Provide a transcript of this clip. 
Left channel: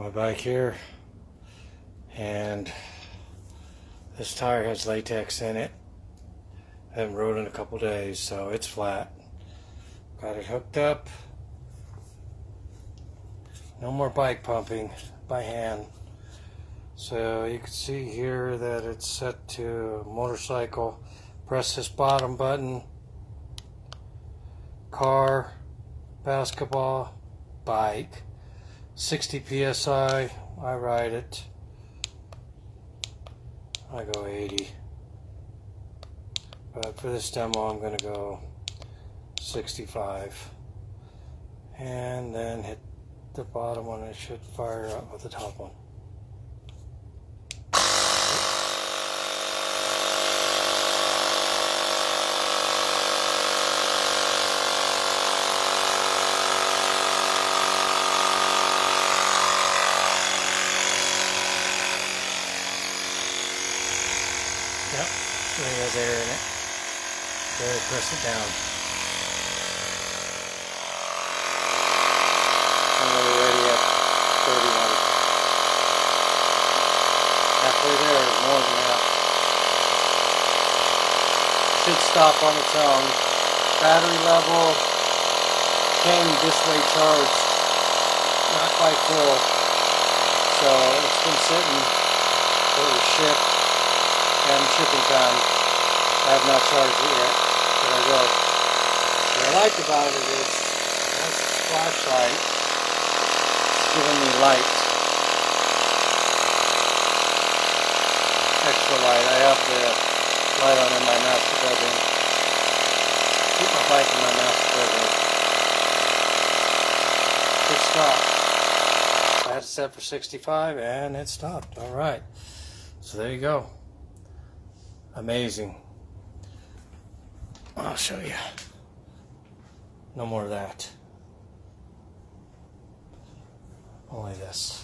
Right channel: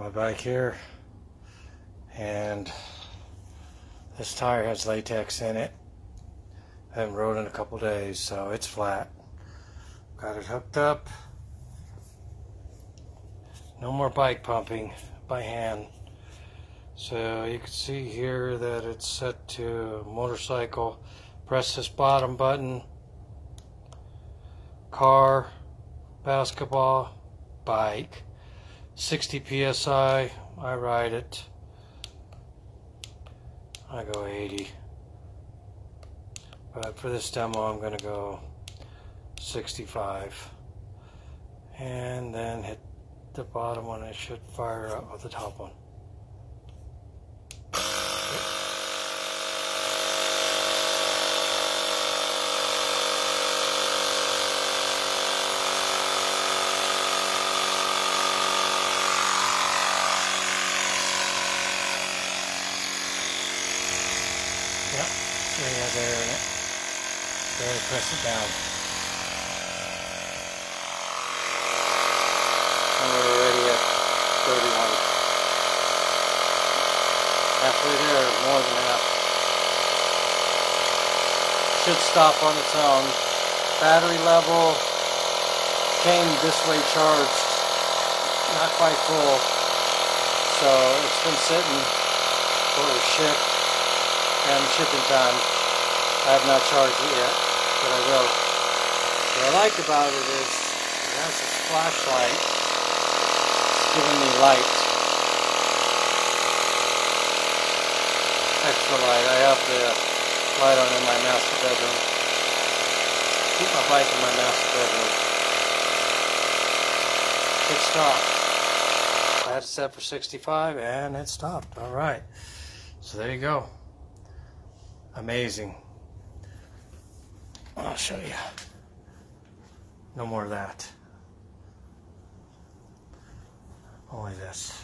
my bike here, and this tire has latex in it. I haven't rode in a couple days, so it's flat. Got it hooked up. No more bike pumping by hand. So you can see here that it's set to motorcycle. Press this bottom button. Car, basketball, bike. 60 psi, I ride it. I go 80. But for this demo I'm going to go 65. And then hit the bottom one. It should fire up with the top one. Yep, we have air in it. Barely press it down. And we're already at 31. Halfway there, more than half. Should stop on its own. Battery level came this way charged, not quite full. So it's been sitting for the ship and shipping time. I have not charged it yet, but I will. What I like about it is it has a flashlight. It's giving me light. Extra light. I have the light on in my master bedroom. Keep my bike in my master bedroom. Good stop. I had it set for 65 and it stopped. Alright. So there you go. Amazing. I'll show you. No more of that. Only this.